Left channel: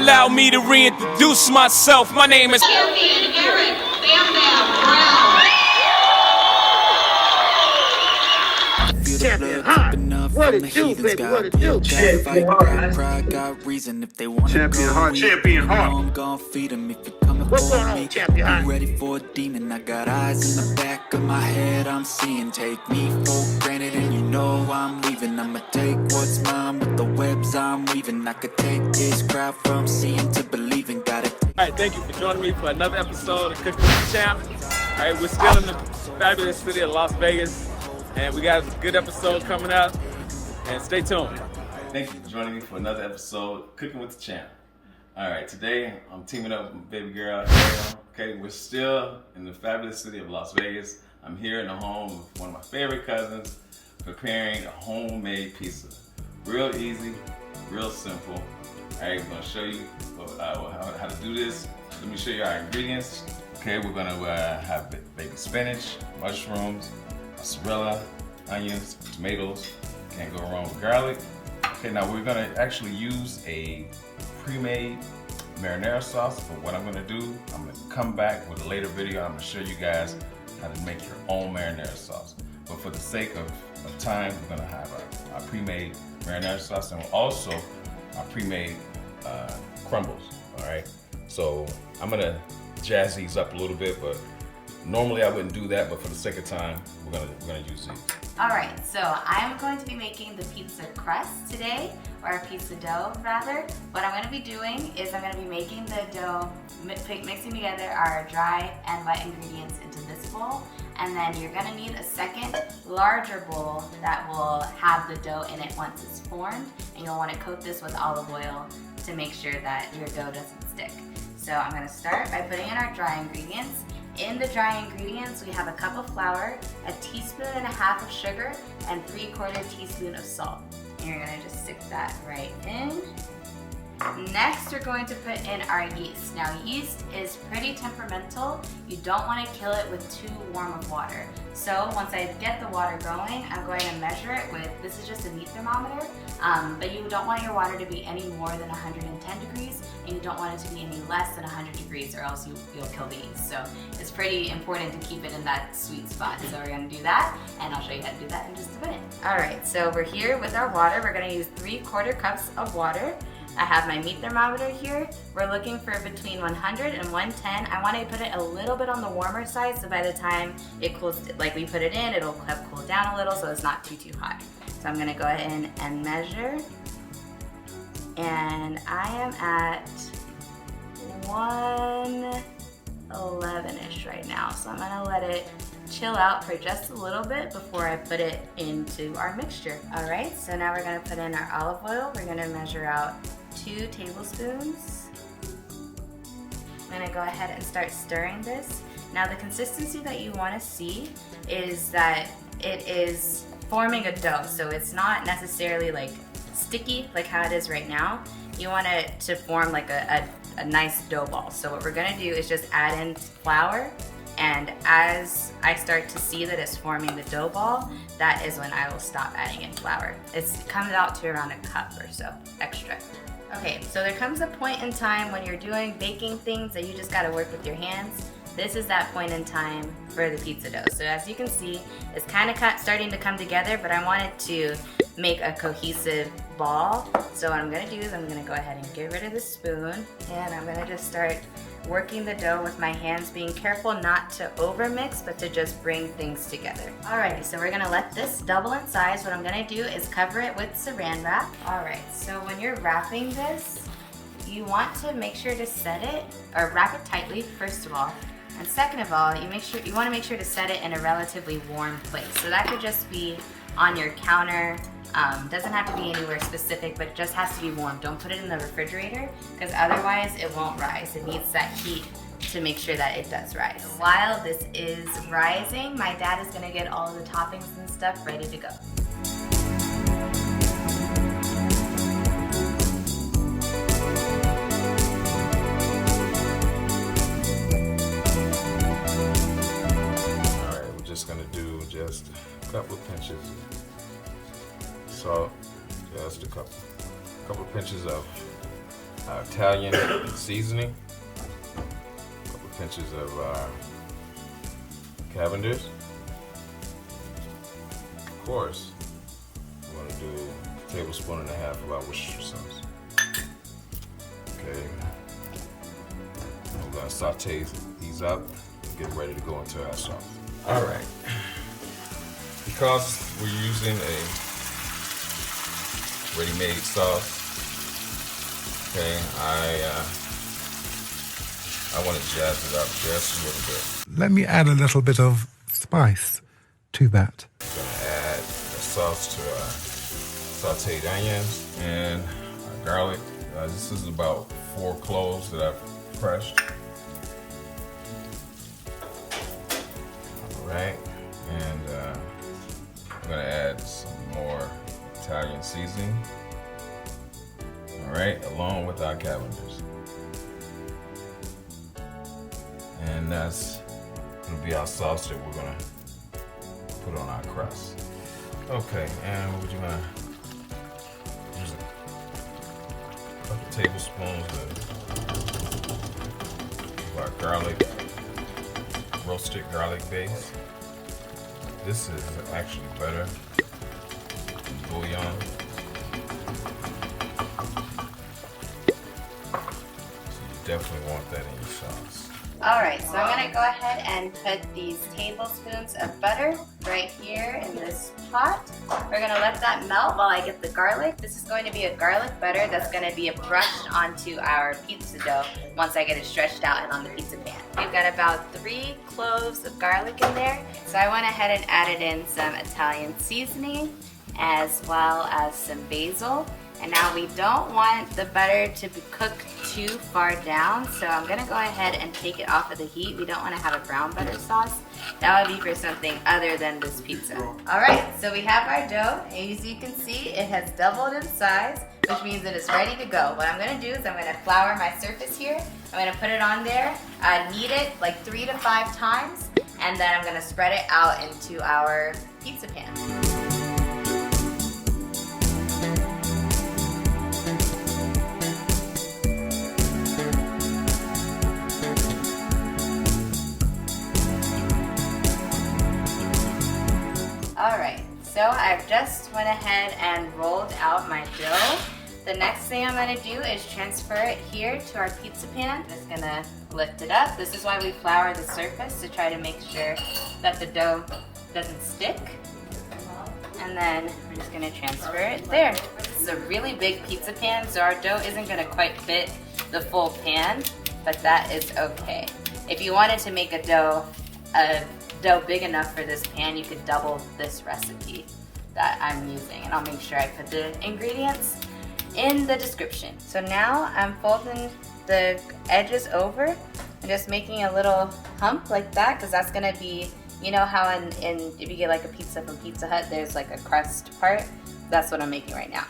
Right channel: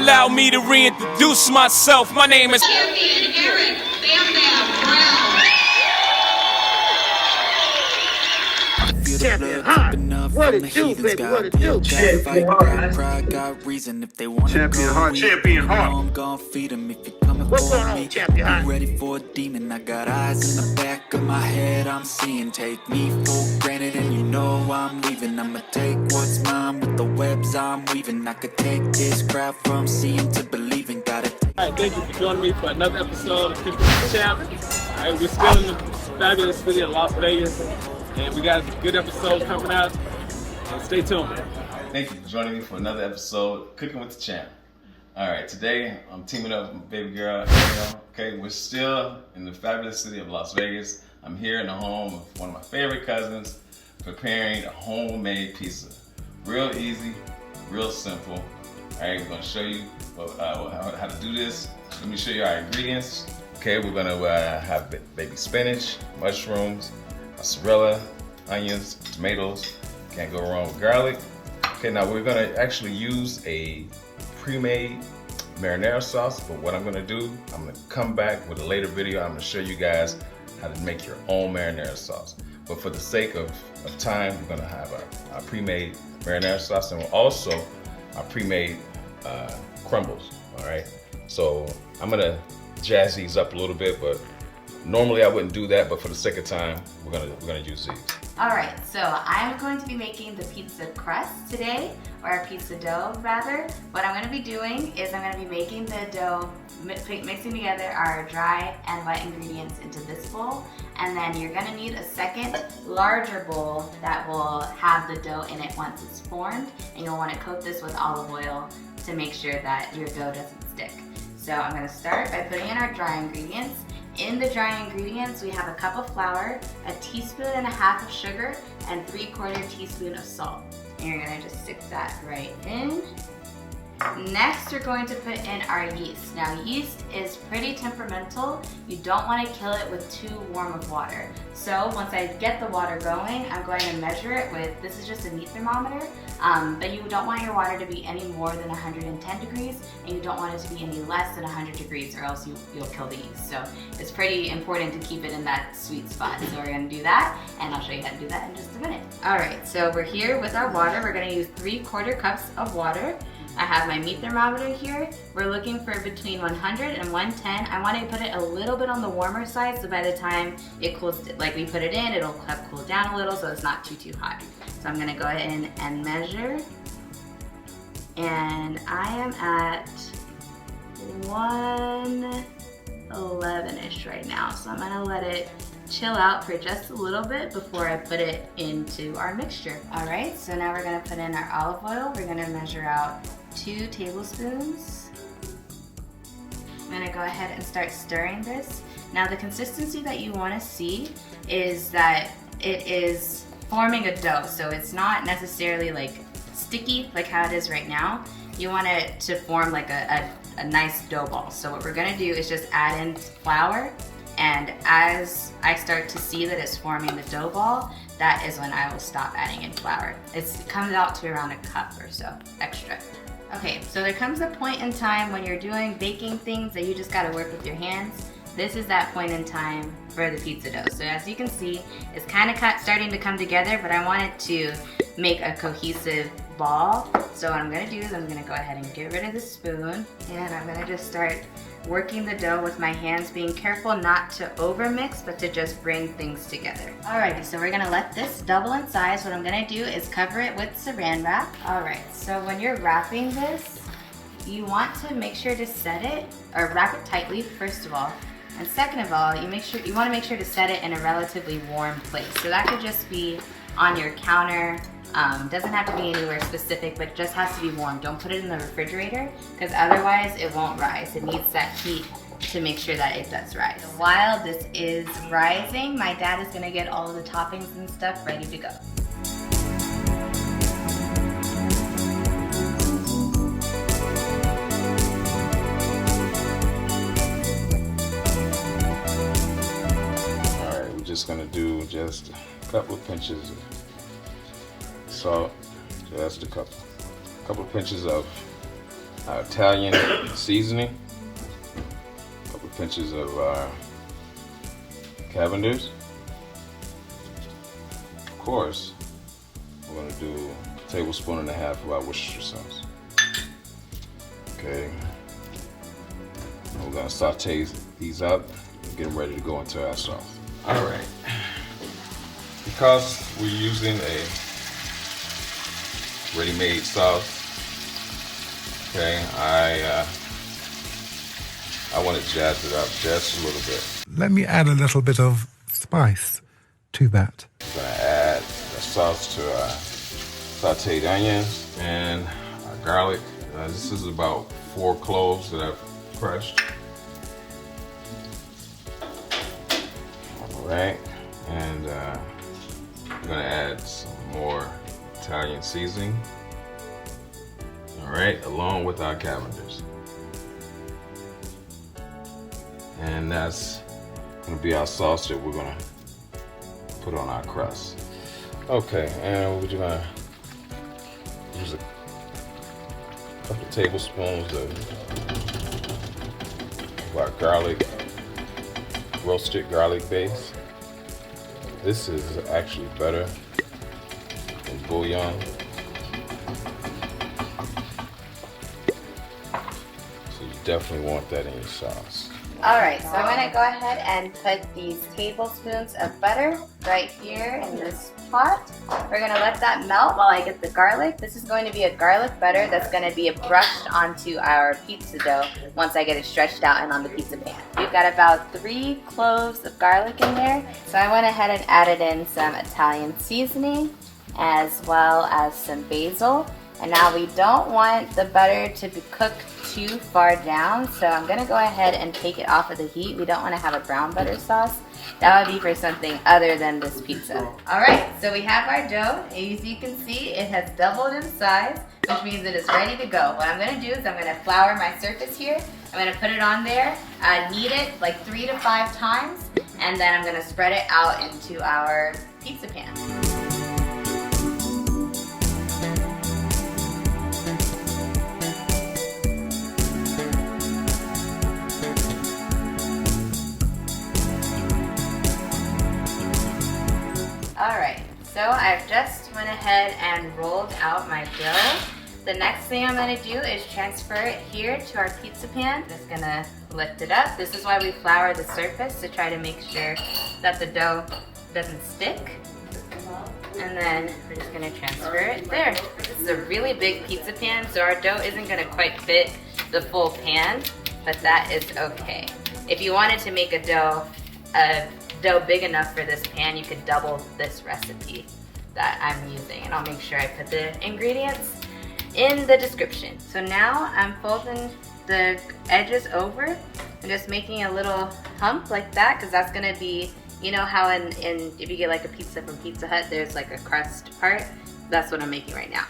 Allow me to reintroduce myself. My name is Champion Eric Bam Bam Brown. Champion, huh? What it do, baby? What it do? Champion heart. Pride got reason if they want to Champion go. heart. Champion heart. I'm gonna feed them if you're coming What's for going on, me. champion heart? I'm ready for a demon. I got eyes in the back of my head. I'm seeing. Take me for granted, and you know I'm leaving. I'ma take what's mine with the webs I'm weaving. I could take this crowd from seeing to believing. Got it. All right, thank you for joining me for another episode of Cooking with the Champ. All right, we're still in the fabulous city of Las Vegas, and we got a good episode coming out, and stay tuned. Thank you for joining me for another episode of Cooking with the Champ. All right, today I'm teaming up with my baby girl, Eriel. Okay, we're still in the fabulous city of Las Vegas. I'm here in the home of one of my favorite cousins, preparing a homemade pizza. Real easy, real simple. All right, we're gonna show you how to do this. Let me show you our ingredients. Okay, we're gonna have baby spinach, mushrooms, mozzarella, onions, tomatoes. Can't go wrong with garlic. Okay, now we're gonna actually use a pre-made marinara sauce, but what I'm gonna do, I'm gonna come back with a later video. I'm gonna show you guys how to make your own marinara sauce. But for the sake of time, we're gonna have our pre-made marinara sauce, and we're also our pre-made crumbles, all right? So I'm gonna jazz these up a little bit, but normally I wouldn't do that, but for the sake of time, we're gonna use these. All right, so I'm going to be making the pizza crust today, or pizza dough rather. What I'm gonna be doing is I'm gonna be making the dough, mixing together our dry and wet ingredients into this bowl, and then you're gonna need a second larger bowl that will have the dough in it once it's formed, and you'll wanna coat this with olive oil to make sure that your dough doesn't stick. So I'm gonna start by putting in our dry ingredients. In the dry ingredients, we have a cup of flour, a teaspoon and a half of sugar, and 3/4 teaspoon of salt. And you're gonna just stick that right in. Next, we're going to put in our yeast. Now, yeast is pretty temperamental. You don't want to kill it with too warm of water. So once I get the water going, I'm going to measure it with, this is just a meat thermometer, but you don't want your water to be any more than 110 degrees, and you don't want it to be any less than 100 degrees, or else you'll kill the yeast. So it's pretty important to keep it in that sweet spot. So we're going to do that, and I'll show you how to do that in just a minute. All right, so we're here with our water. We're going to use 3/4 cups of water. I have my meat thermometer here. We're looking for between 100 and 110. I want to put it a little bit on the warmer side, so by the time it cools, like we put it in, it'll have cooled down a little, so it's not too hot. So I'm gonna go ahead and measure. And I am at 111-ish right now. So I'm gonna let it chill out for just a little bit before I put it into our mixture. All right, so now we're gonna put in our olive oil. We're gonna measure out 2 tablespoons. I'm gonna go ahead and start stirring this. Now the consistency that you wanna see is that it is forming a dough. So it's not necessarily like sticky like how it is right now. You want it to form like a nice dough ball. So what we're gonna do is just add in flour, and as I start to see that it's forming the dough ball, that is when I will stop adding in flour. It comes out to around a cup or so extra. Okay, so there comes a point in time when you're doing baking things that you just gotta work with your hands. This is that point in time for the pizza dough. So as you can see, it's kind of starting to come together, but I want it to make a cohesive ball. So what I'm gonna do is I'm gonna go ahead and get rid of the spoon, and I'm gonna just start working the dough with my hands, being careful not to overmix, but to just bring things together. Alrighty, so we're gonna let this double in size. What I'm gonna do is cover it with saran wrap. Alright, so when you're wrapping this, you want to make sure to set it, or wrap it tightly, first of all. And second of all, you want to make sure to set it in a relatively warm place. So that could just be on your counter. Doesn't have to be anywhere specific, but it just has to be warm. Don't put it in the refrigerator, because otherwise it won't rise. It needs that heat to make sure that it does rise. While this is rising, my dad is gonna get all the toppings and stuff ready to go. Just gonna do just a couple of pinches of salt. So that's the couple pinches of our Italian seasoning, a couple pinches of Cavenders. Of course, we're going to do a tablespoon and a half of our Worcestershire sauce. Okay. And we're going to saute these up and get ready to go into our sauce. All right. Because we're using a ready-made sauce, okay, I want to jazz it up just a little bit. Let me add a little bit of spice to that. We're going to add the sauce to our sauteed onions and our garlic. This is about 4 cloves that I've crushed. All right, and I'm going to add some more Italian seasoning. All right, along with our Cavenders. And that's going to be our sauce that we're going to put on our crust. Okay, and we're going to use a couple tablespoons of our garlic, roasted garlic base. This is actually better than bouillon. So you definitely want that in your sauce. Alright, so I'm going to go ahead and put these tablespoons of butter right here in this pot. We're going to let that melt while I get the garlic. This is going to be a garlic butter that's going to be brushed onto our pizza dough once I get it stretched out and on the pizza pan. We've got about 3 cloves of garlic in there. So I went ahead and added in some Italian seasoning as well as some basil. And now we don't want the butter to be cooked too far down, so I'm gonna go ahead and take it off of the heat. We don't want to have a brown butter sauce. That would be for something other than this pizza. Alright, so we have our dough. As you can see, it has doubled in size, which means it is ready to go. What I'm gonna do is I'm gonna flour my surface here. I'm gonna put it on there, knead it like 3 to 5 times, and then I'm gonna spread it out into our pizza pan. Alright, so I've just went ahead and rolled out my dough. The next thing I'm going to do is transfer it here to our pizza pan. Just going to lift it up. This is why we flour the surface, to try to make sure that the dough doesn't stick. And then we're just going to transfer it there. This is a really big pizza pan, so our dough isn't going to quite fit the full pan, but that is okay. If you wanted to make a dough big enough for this pan, you could double this recipe that I'm using, and I'll make sure I put the ingredients in the description. So now I'm folding the edges over and just making a little hump like that, because that's gonna be, you know how if you get like a pizza from Pizza Hut, there's like a crust part. That's what I'm making right now.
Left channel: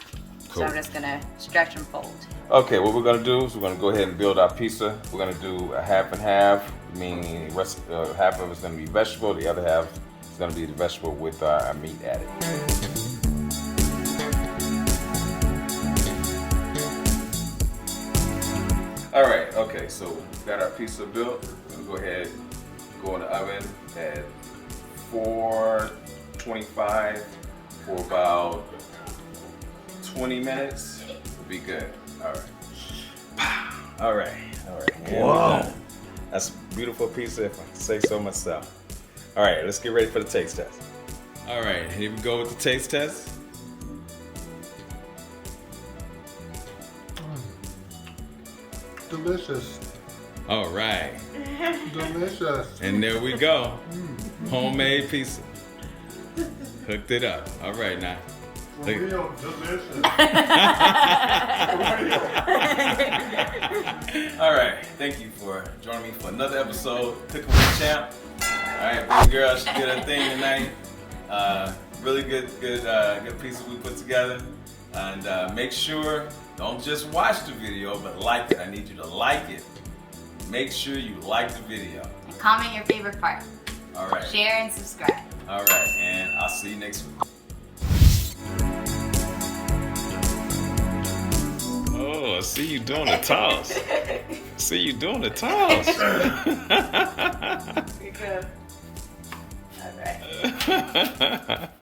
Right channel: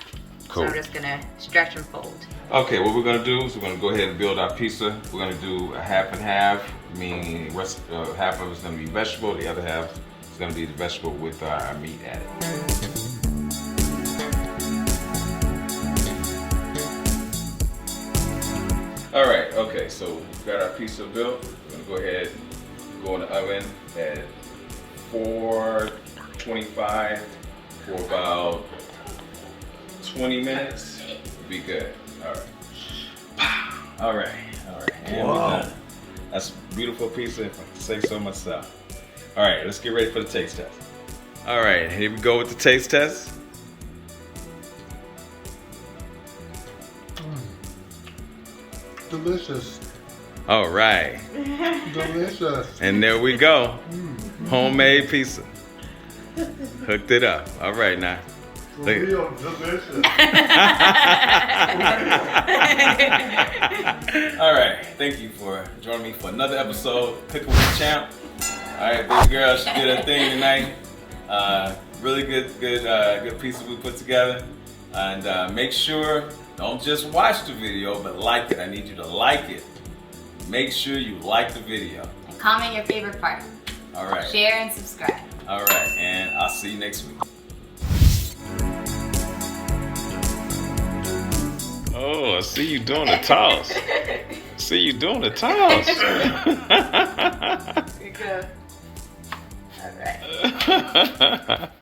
Cool. So I'm just gonna stretch and fold. Okay, what we're gonna do is we're gonna go ahead and build our pizza. We're gonna do a half and half, meaning the rest, half of it's gonna be vegetable, the other half is gonna be the vegetable with our meat added. All right, okay, so we've got our pizza built. We're gonna go ahead and go in the oven at 425 for about 20 minutes. Be good. All right. All right. Wow. That's a beautiful pizza, if I can say so myself. All right, let's get ready for the taste test. All right, here we go with the taste test. Delicious. All right. Delicious. And there we go. Homemade pizza. Hooked it up. All right, now. Look. Real delicious. All right, thank you for joining me for another episode Cooking with the Champ. All right, baby girl, she did her thing tonight. Really good pizza we put together. And make sure, don't just watch the video, but like it. I need you to like it. Make sure you like the video. And comment your favorite part. All right. Share and subscribe. All right, and I'll see you next week. Oh, Oh, see you doing the toss. See you doing the toss. Here you go. All right.